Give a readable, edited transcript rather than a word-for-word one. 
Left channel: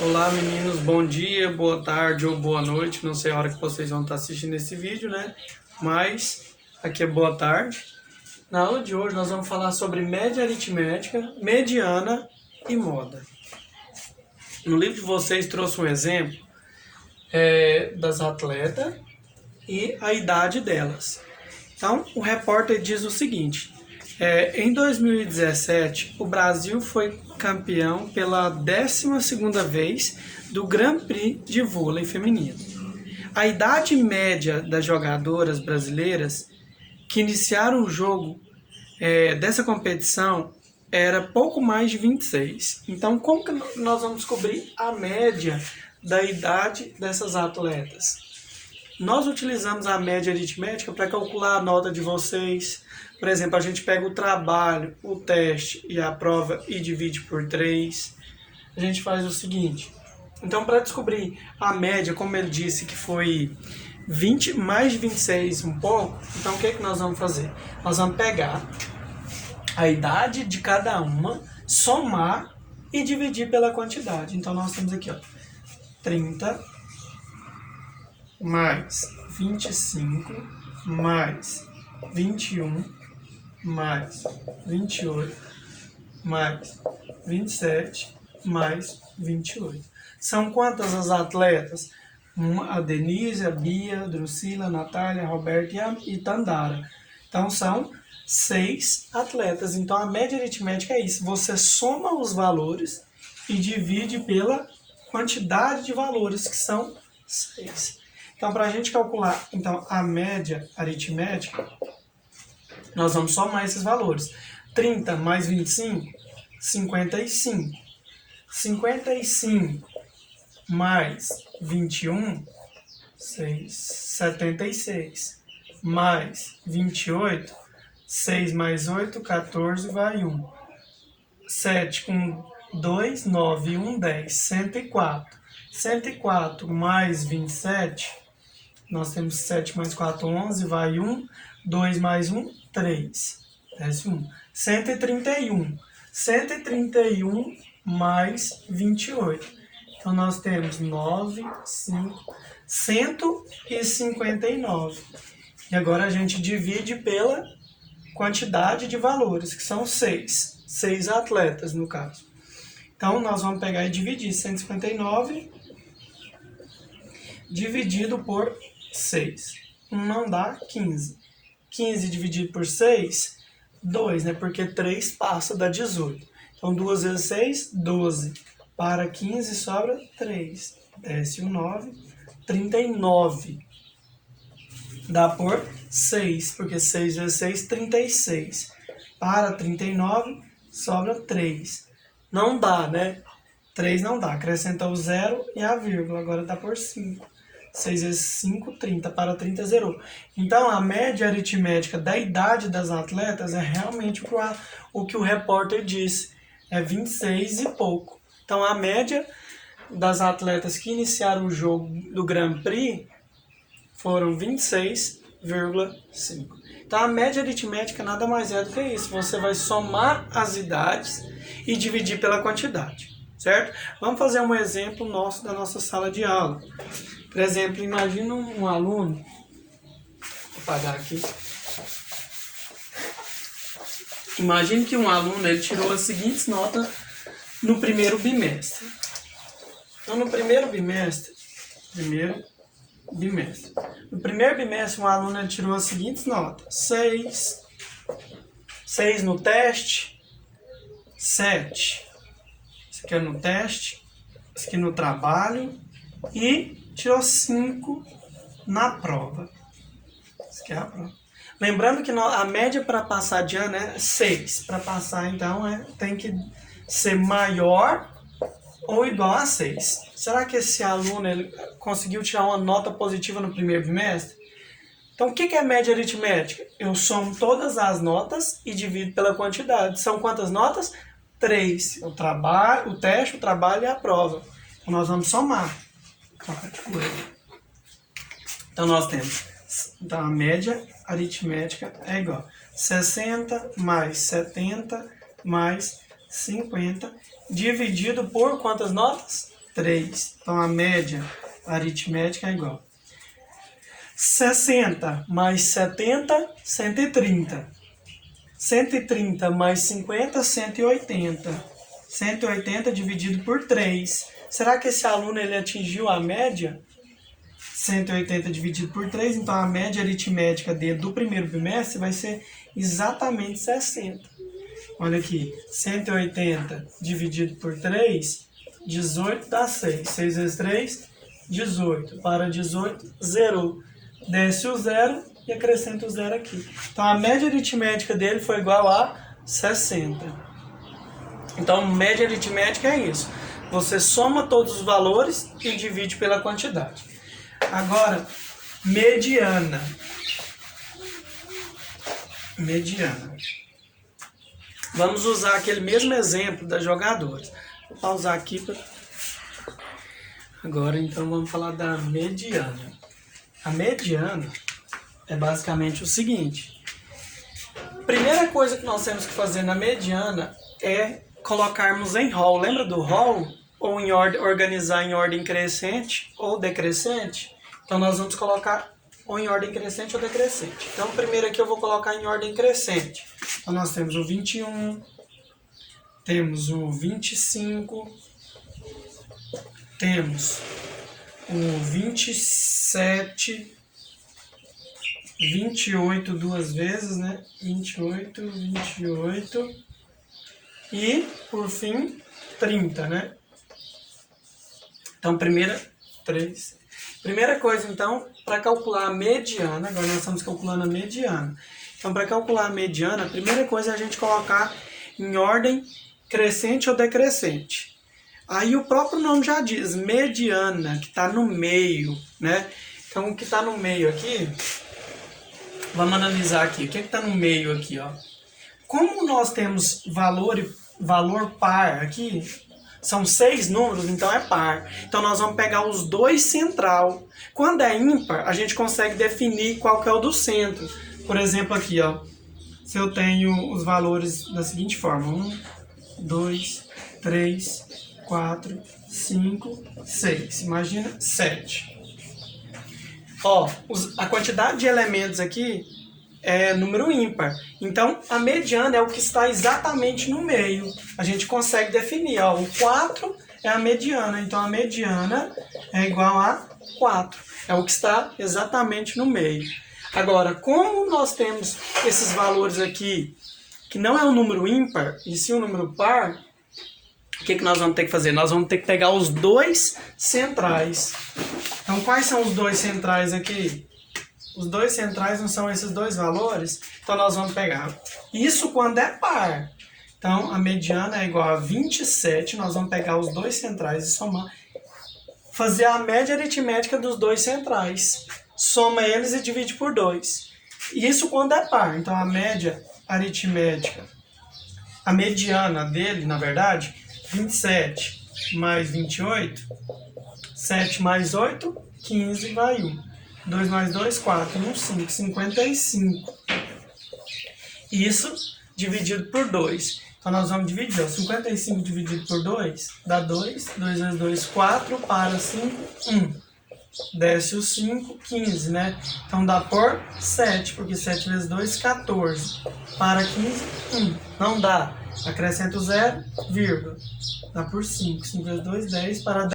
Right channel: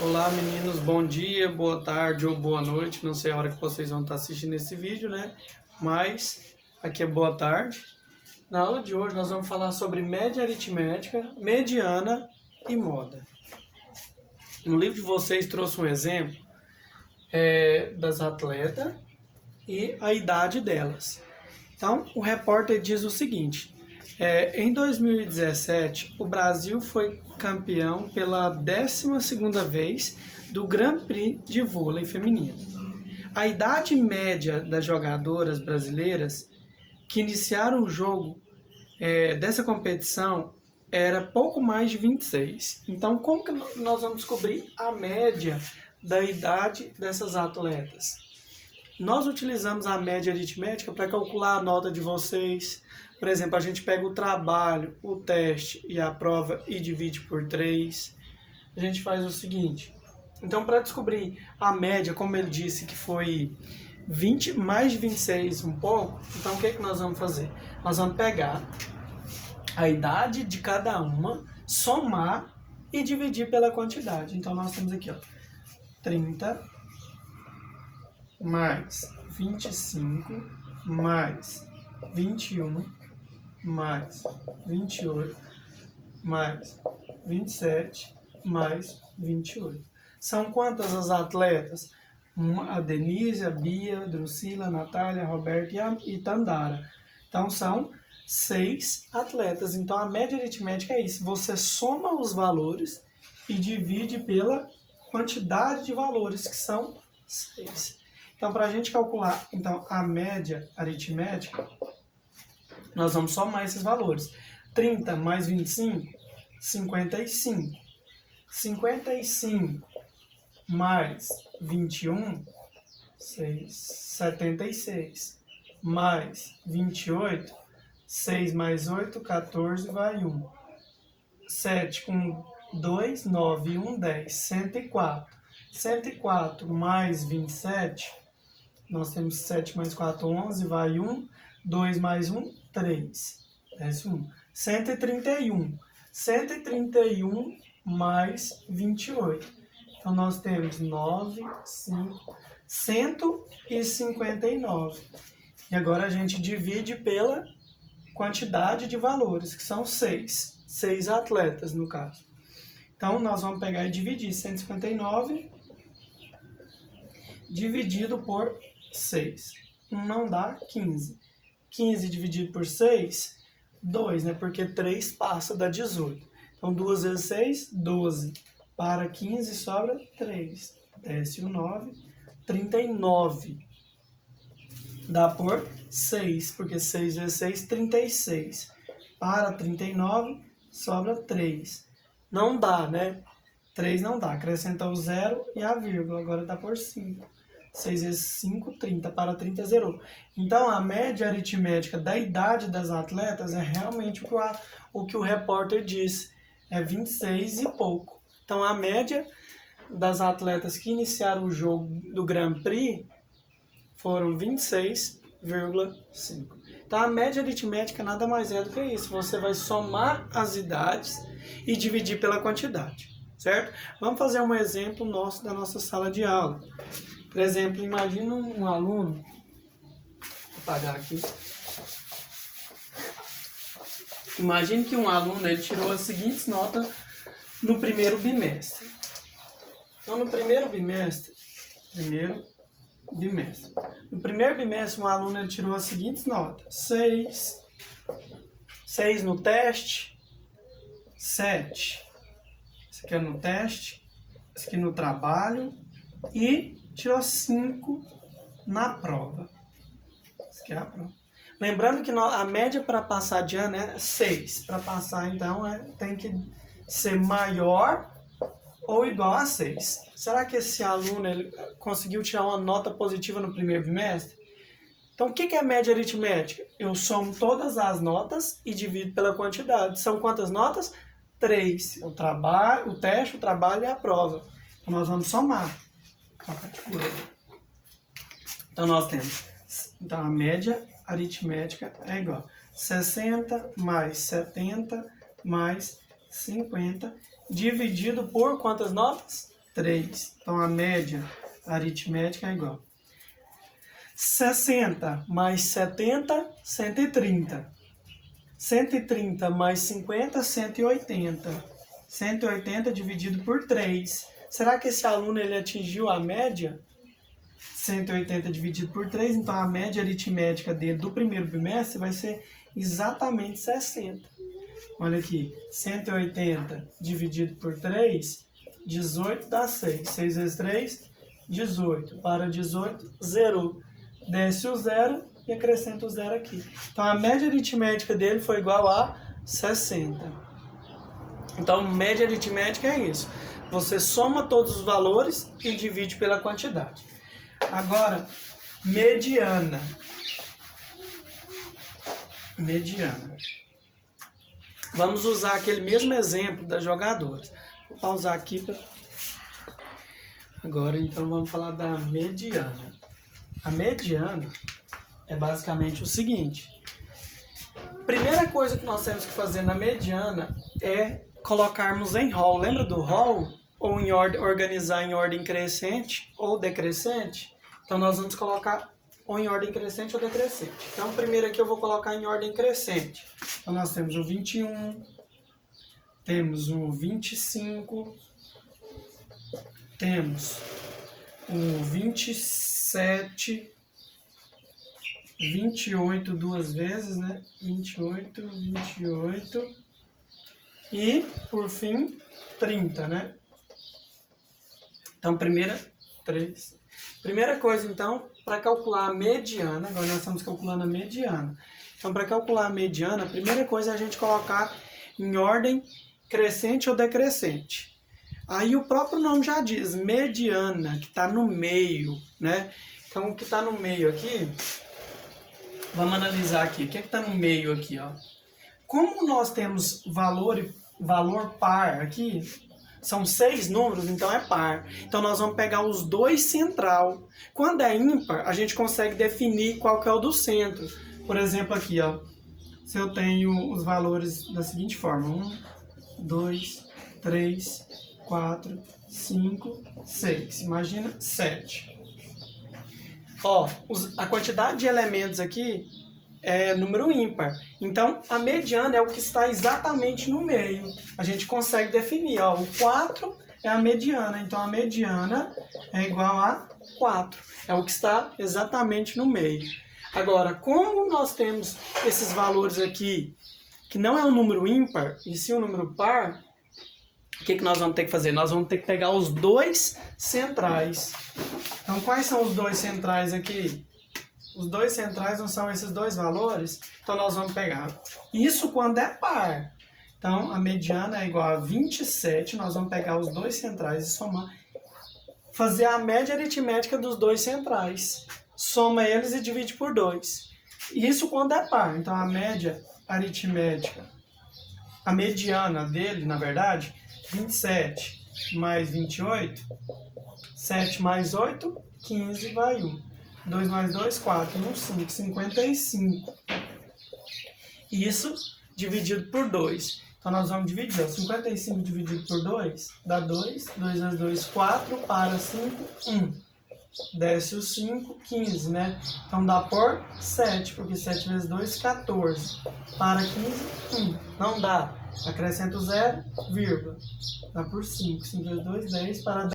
Olá meninos, bom dia, boa tarde ou boa noite, não sei a hora que vocês vão estar assistindo esse vídeo, né? Mas aqui é boa tarde. Na aula de hoje nós vamos falar sobre média aritmética, mediana e moda. No livro de vocês trouxe um exemplo das atletas e a idade delas. Então o repórter diz o seguinte: em 2017 o Brasil foi campeão pela 12ª vez do Grand Prix de vôlei feminino. A idade média das jogadoras brasileiras que iniciaram o jogo dessa competição era pouco mais de 26. Então, como que nós vamos descobrir a média da idade dessas atletas? Nós utilizamos a média aritmética para calcular a nota de vocês. Por exemplo, a gente pega o trabalho, o teste e a prova e divide por 3. A gente faz o seguinte. Então, para descobrir a média, como ele disse que foi 20 mais de 26 um pouco, então o que é que nós vamos fazer? Nós vamos pegar a idade de cada uma, somar e dividir pela quantidade. Então, nós temos aqui, ó, 30 mais 25 mais 21 mais 28 mais 27 mais 28. São quantas as atletas? A Denise, a Bia, a Drusila, a Natália, a Roberta e Tandara. Então são 6 atletas. Então a média aritmética é isso. Você soma os valores e divide pela quantidade de valores, que são 6. Então, para a gente calcular a média aritmética, nós vamos somar esses valores. 30 mais 25, 55. 55 mais 21, 76. Mais 28, 6 mais 8, 14, vai 1. 7 com 2, 9, 1, 10, 104. 104 mais 27, nós temos 7 mais 4, 11, vai 1. 2 mais 1, 3. Desce 1. 131. 131 mais 28. Então, nós temos 9, 5, 159. E agora a gente divide pela quantidade de valores, que são 6. 6 atletas, no caso. Então, nós vamos pegar e dividir 159 dividido por 6. 1 não dá, 15. 15 dividido por 6, 2, né? Porque 3 passa, dá 18. Então, 2 vezes 6, 12. Para 15, sobra 3. Desce o 9, 39. Dá por 6, porque 6 vezes 6, 36. Para 39, sobra 3. Não dá, né? 3 não dá. Acrescenta o 0 e a vírgula. Agora dá por 5. 6 vezes 5, 30. Para 30, zerou. Então, a média aritmética da idade das atletas é realmente o que o repórter disse. É 26 e pouco. Então, a média das atletas que iniciaram o jogo do Grand Prix foram 26,5. Então, a média aritmética nada mais é do que isso. Você vai somar as idades e dividir pela quantidade, certo? Vamos fazer um exemplo nosso da nossa sala de aula. Por exemplo, imagina um aluno, vou apagar aqui. Imagine que um aluno ele tirou as seguintes notas no primeiro bimestre. Então, no primeiro bimestre, no primeiro bimestre, um aluno ele tirou as seguintes notas: 6 no teste, 7. Isso aqui é no teste, isso aqui no trabalho e tirou 5 na prova. Isso aqui é a prova. Lembrando que a média para passar de ano é 6. Para passar, então, tem que ser maior ou igual a 6. Será que esse aluno ele conseguiu tirar uma nota positiva no primeiro bimestre? Então, o que é média aritmética? Eu somo todas as notas e divido pela quantidade. São quantas notas? 3. O teste, o trabalho e a prova. Então, nós vamos somar. Então, nós temos... Então, a média aritmética é igual a 60 mais 70 mais 50, dividido por quantas notas? 3. Então, a média aritmética é igual. 60 mais 70, 130. 130 mais 50, 180. 180 dividido por 3. Será que esse aluno ele atingiu a média? 180 dividido por 3, então a média aritmética dele do primeiro bimestre vai ser exatamente 60. Olha aqui, 180 dividido por 3, 18 dá 6. 6 vezes 3, 18. Para 18, zerou. Desce o zero e acrescenta o zero aqui. Então a média aritmética dele foi igual a 60. Então média aritmética é isso. Você soma todos os valores e divide pela quantidade. Agora, mediana. Mediana. Vamos usar aquele mesmo exemplo das jogadoras. Vou pausar aqui. Agora, então, vamos falar da mediana. A mediana é basicamente o seguinte. Primeira coisa que nós temos que fazer na mediana é colocarmos em rol. Lembra do rol? Ou em ordem, organizar em ordem crescente ou decrescente. Então, nós vamos colocar ou em ordem crescente ou decrescente. Então, primeiro aqui eu vou colocar em ordem crescente. Então, nós temos o 21, temos o 25, temos o 27, 28 duas vezes, né? 28, 28 e, por fim, 30, né? Então, primeira coisa, então, para calcular a mediana, agora nós estamos calculando a mediana. Então, para calcular a mediana, a primeira coisa é a gente colocar em ordem crescente ou decrescente. Aí o próprio nome já diz, mediana, que está no meio, né? Então, o que está no meio aqui, vamos analisar aqui. O que está no meio aqui, ó? Como nós temos valor par aqui, são 6 números, então é par. Então, nós vamos pegar os dois central. Quando é ímpar, a gente consegue definir qual que é o do centro. Por exemplo, aqui, ó, se eu tenho os valores da seguinte forma. 1, 2, 3, 4, 5, 6. Imagina 7. Ó, a quantidade de elementos aqui é número ímpar. Então, a mediana é o que está exatamente no meio. A gente consegue definir, ó, o 4 é a mediana. Então, a mediana é igual a 4. É o que está exatamente no meio. Agora, como nós temos esses valores aqui, que não é um número ímpar, e sim um número par, o que nós vamos ter que fazer? Nós vamos ter que pegar os dois centrais. Então, quais são os dois centrais aqui? Os dois centrais não são esses dois valores? Então, nós vamos pegar isso quando é par. Então, a mediana é igual a 27. Nós vamos pegar os dois centrais e somar. Fazer a média aritmética dos dois centrais. Soma eles e divide por 2. Isso quando é par. Então, a média aritmética, a mediana dele, na verdade, 27 mais 28, 7 mais 8, 15 vai 1. 2 mais 2, 4, 1, 5, 55. Isso dividido por 2. Então, nós vamos dividir, ó, 55 dividido por 2 dá 2. 2 vezes 2, 4. Para 5, 1. Desce o 5, 15, né? Então, dá por 7, porque 7 vezes 2, 14. Para 15, 1. Não dá. Acrescenta o 0, vírgula. Dá por 5. 5 vezes 2, 10. Para 10.